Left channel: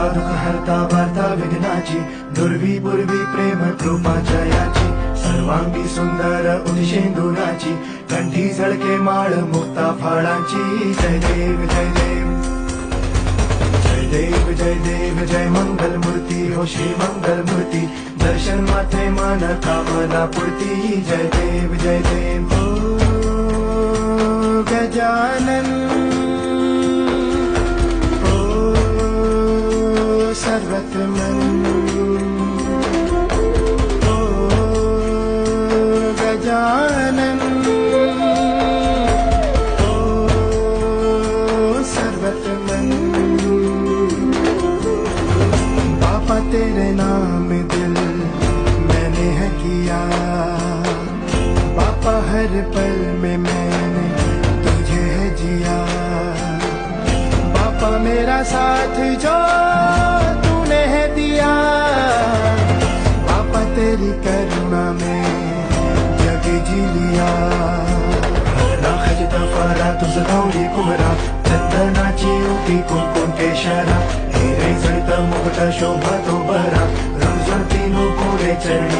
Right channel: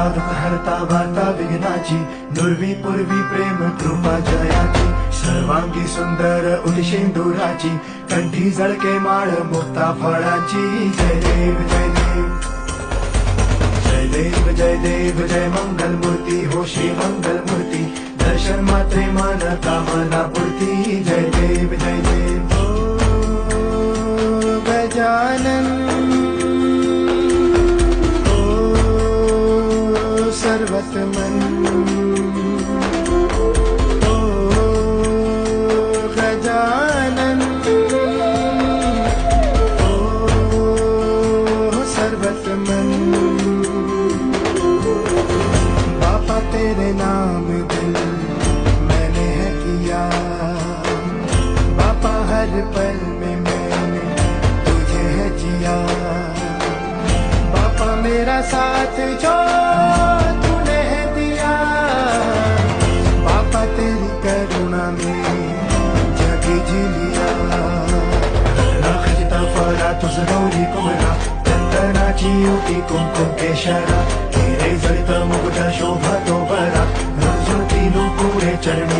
हरता दुःख हरता वार्ता विघ्नाची दुर्वी पूर्वी प्रेम कृपा जयाची सर्वांगी सुंदर उदिशेंदुराची कंठी झळके माळ मुक्ता फळाची जय देव जय देव जय देव जय देव जय मंगल मूर्ती हो श्री मंगल मूर्ती दर्शन मात्रे मन कामना पूर्ती जय देव ओ गजानन सर्वतमन ओ गजानन ओ सर्वतमन बापा तेरे नाम दिल मैंने है किया बापा हर पल में मैंने तुझे है जिया बापा मेरा साथ जो शोभा तो बरा रंजती नो पूरे चढ़े